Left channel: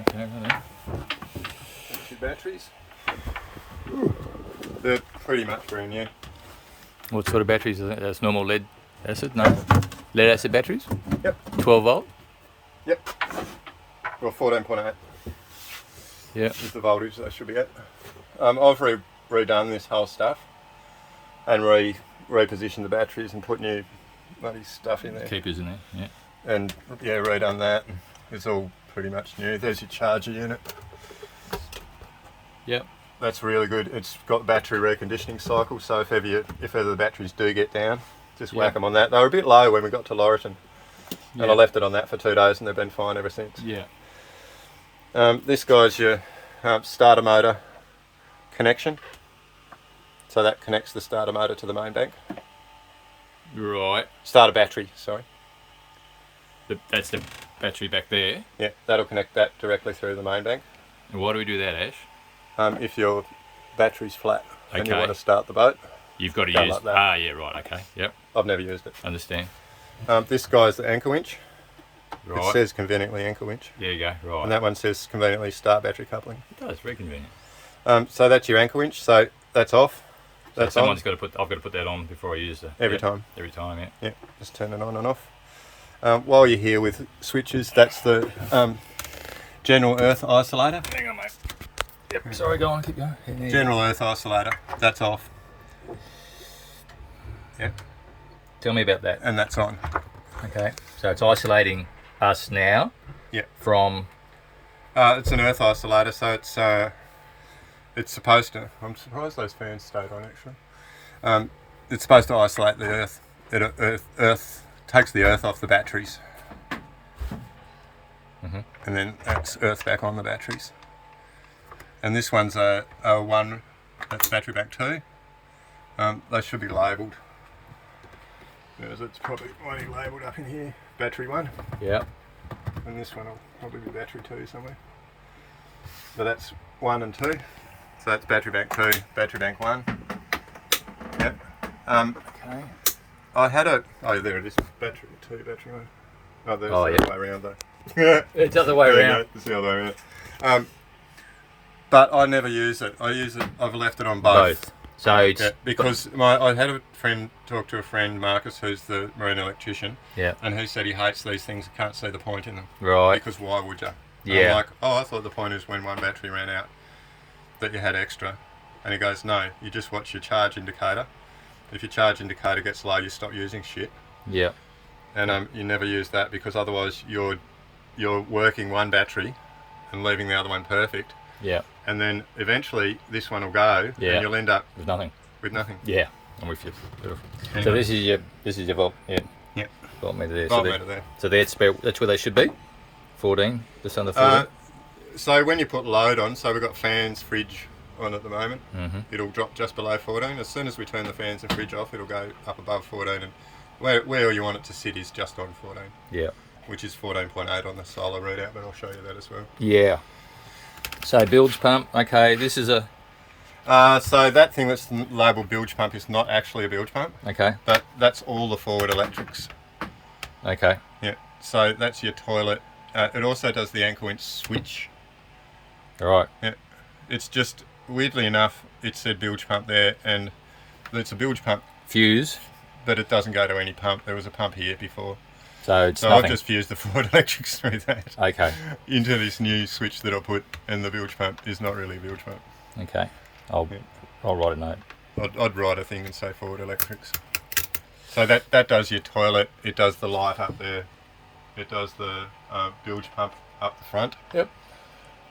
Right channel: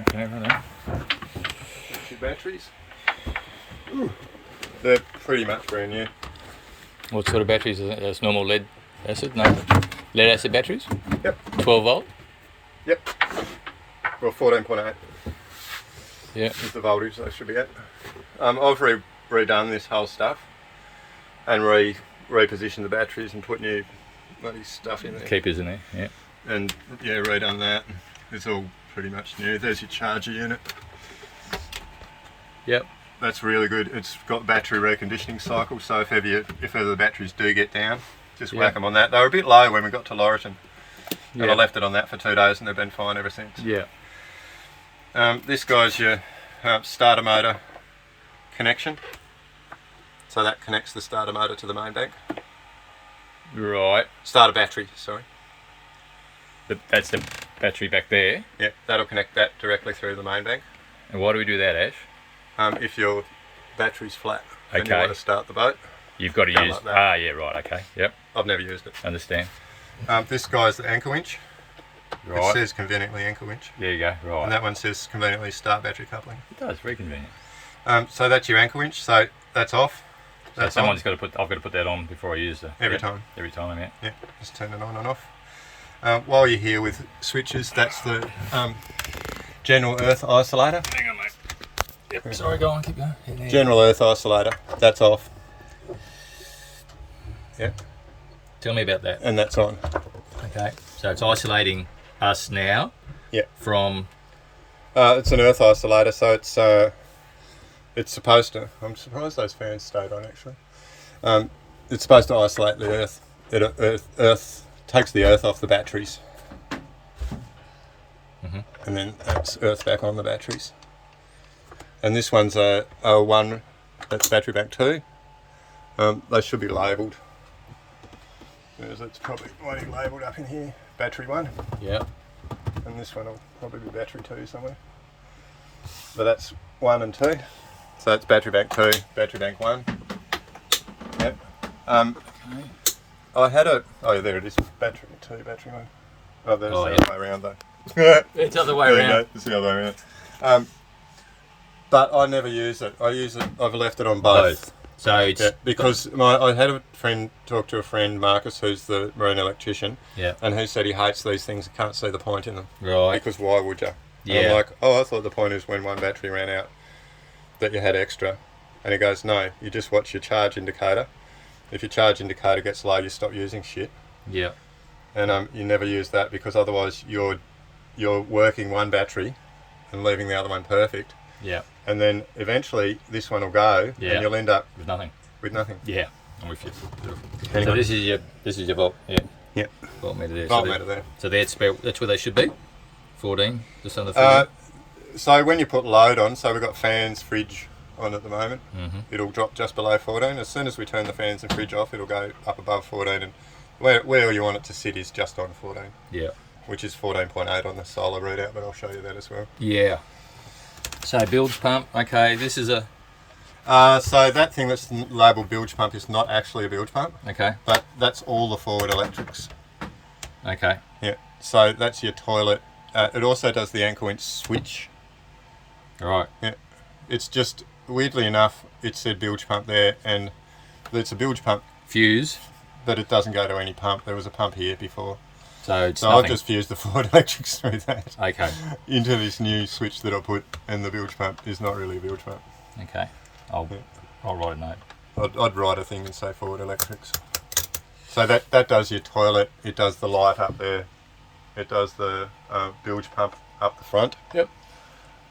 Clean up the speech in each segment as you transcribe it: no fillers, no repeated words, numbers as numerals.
Okay, right. Two batteries. Ooh. They're pretty much brand new. What sort of batteries is that? That's normal lead acid? No? Lead acid batteries? Yep. 12 volt? Yep. Well, 14.8 Yeah. is the voltage they should be at. I've redone this whole stuff and repositioned the batteries and put new bloody stuff in there. Keepers in there, yeah. And yeah, redone that. It's all pretty much new. There's your charger unit. Yep. That's really good. It's got battery reconditioning cycle, so if ever the batteries do get down, just whack them on that. They were a bit low when we got to Laurelton, and I left it on that for 2 days, and they've been fine ever since. Yeah. This guy's your starter motor connection, so that connects the starter motor to the main bank. Right. Starter battery, sorry. That's the battery back there. Yeah, that'll connect that directly through the main bank. And why do we do that, Ash? If your battery's flat and you Okay. want to start the boat, You've got to Go use... like that. Ah, yeah, right, okay. Yep, I've never used it. understand. This guy's the anchor winch. It Right. says conveniently anchor winch. There you go, And right. that one says conveniently start battery coupling. It does, very convenient. So that's your anchor winch. So that's off. So That's someone's on. got to put... I've got to put that on before I use the... Every time. Every time, yeah. Yeah, just turn it on and off. While you're here with switches, that's the general earth isolator. Hang on, mate. Yep, sorry, go on, keep going. Yeah. General earth isolator. That's off. Yeah, Tell me about that. and that's on. Okay. So it's isolating us now Yeah. from... It's an earth isolator, so it's supposed to. I'm surprised those fans stayed on actually. It's supposed to isolate the earth. Earth takes the earth off the batteries, and then that's earth back on the batteries. And this one's a one. That's battery bank 2. They should be labelled. It's probably already labelled up in here. Battery 1. Yeah. And this one will probably be battery 2 somewhere. But that's 1 and 2. So that's battery bank 2, battery bank 1. Yep. Okay. I had a... Oh, there it is. Battery 2, battery 1. Oh, there's the other way around though. It's the other way There you around. go, it's the other way around. But I never use it. I've left it on both. So it's... Yeah, because I had a friend talk to a friend, Marcus, who's the marine electrician, Yeah. and he said he hates these things and can't see the point in them. Right. Because why would you? And Yeah. I'm like, oh, I thought the point is when one battery ran out that you had extra. And he goes, no, you just watch your charge indicator. If your charge indicator gets low, you stop using shit. Yeah. And you never use that because otherwise you're working one battery and leaving the other one perfect. Yeah. And then eventually this one will go Yeah. and you'll end up There's nothing. with nothing. Yeah. I'm with you. Beautiful. So Anyway. this is your volt. Yeah. Yeah. Voltmeter there. Voltmeter there. So that's where they should be. 14, just under 14. So when you put load on, so we've got fans, fridge on at the moment, it'll drop just below 14. As soon as we turn the fans and fridge off, it'll go up above 14. And where you want it to sit is just on 14, Yeah. which is 14.8 on the solar readout, but I'll show you that as well. Yeah. So bilge pump. Okay. This is a... So that thing that's labelled bilge pump is not actually a bilge pump. Okay. That's all the forward electrics. Okay. Yeah. So that's your toilet. It also does the anchor winch switch. All right. Yeah. It's just, weirdly enough, it said bilge pump there, and it's a bilge pump, Fuse. but it doesn't go to any pump. There was a pump here before. So it's So nothing. I've just fused the forward electrics through that Okay. into this new switch that I put, and the bilge pump is not really a bilge pump. Okay. I'll write a note. I'd write a thing and say forward electrics. So that does your toilet, it does the light up there, it does the bilge pump up the front. Yep.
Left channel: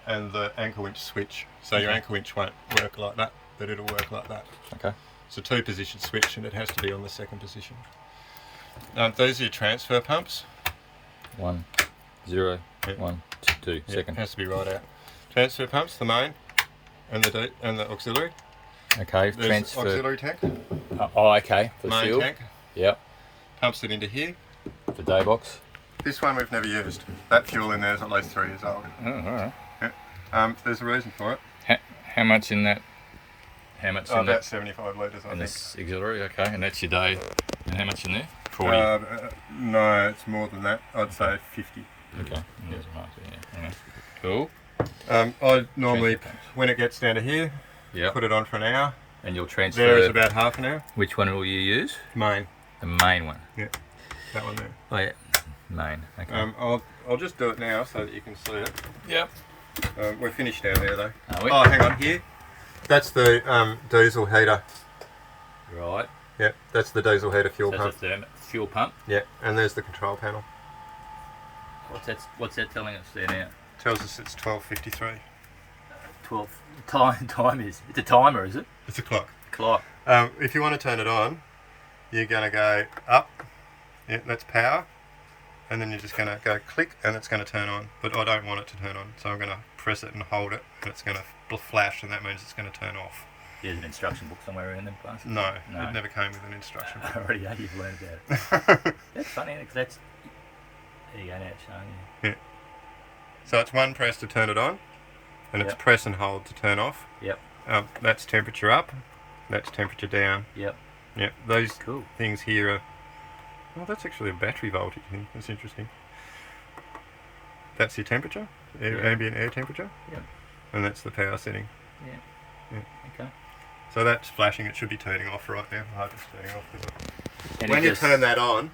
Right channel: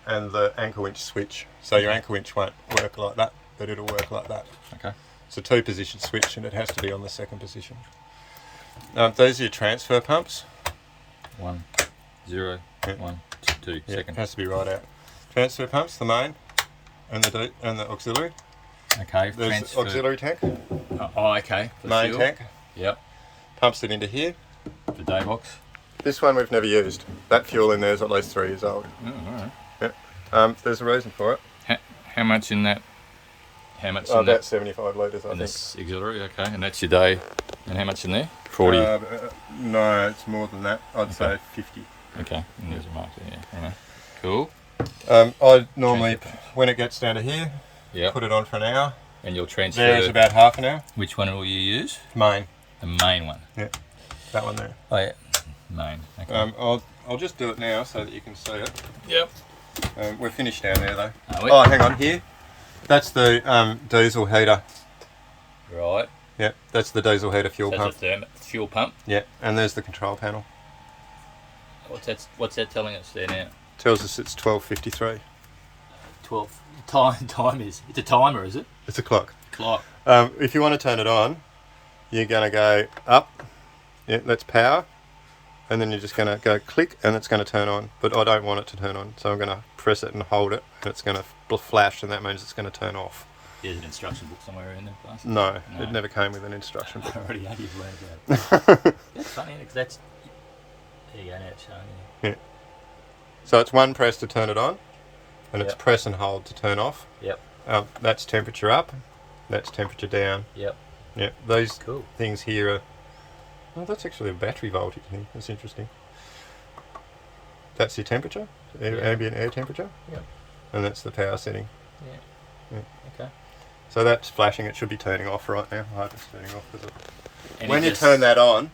And the anchor winch switch. So your anchor winch won't work like that, but it'll work like that. Okay. It's a 2-position switch and it has to be on the 2nd position. Those are your transfer pumps. 1, 0, Yeah. 1, 2, Yeah, it second. has to be right out. Transfer pumps, the main and the auxiliary. Okay. There's transfer. auxiliary tank, Oh, okay. For main fuel. tank, Yep. pumps it into here. The day box. This one we've never used. That fuel in there is at least 3 years old. Oh, all right. There's a reason for it. How much in that? How much in About that? 75 litres, I In think. this auxiliary, okay. And that's your day. And how much in there? 40. No, it's more than that. I'd say 50. Okay. And there's a mark there. Yeah. Cool. I normally, when it gets down to here, Yeah. put it on for an hour. And you'll transfer. There is about half an hour. Which one will you use? Main. The main one. Yeah, that one there. Oh yeah, main. Okay. I'll just do it now so that you can see it. Yep. We're finished down there though. Are we? Oh, hang on here. That's the diesel heater. Right. Yeah, that's the diesel heater fuel That's pump. a fuel pump. Yeah, and there's the control panel. What's that telling us there now? Tells us it's 12:53. 12. Time is. It's a timer, is it? It's a clock. Clock. If you want to turn it on, you're going to go up. Yeah, that's power. And then you're just going to go click and it's going to turn on. But I don't want it to turn on. So I'm going to press it and hold it. And it's going to flash and that means it's going to turn off. There's an instruction book somewhere in them class. No, it never came with an instruction book. Already know you've learned about it. That's funny because that's... There you go, now it's showing you. Yeah. So it's one press to turn it on. And it's press and hold to turn off. Yep. That's temperature up. That's temperature down. Yep. Yeah, those Cool. things here are... Oh, that's actually a battery voltage thing. That's interesting. That's your temperature, ambient air temperature. Yeah. And that's the power setting. Yeah. Yeah. Okay. So that's flashing. It should be turning off right now. I hope it's turning off. And When you turn that on,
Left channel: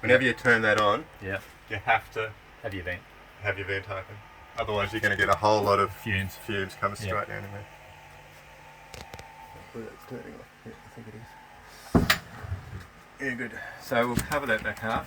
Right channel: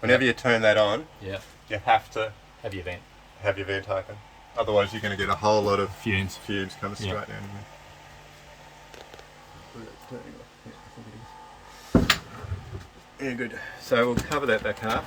whenever you turn that on, yeah, you have to have your vent. have your vent open. Otherwise, you're going to get a whole lot of Fumes. fumes coming straight Yeah. down in there. Well, that's turning off. Yeah, I think it is. Yeah, good. So we'll cover that back half.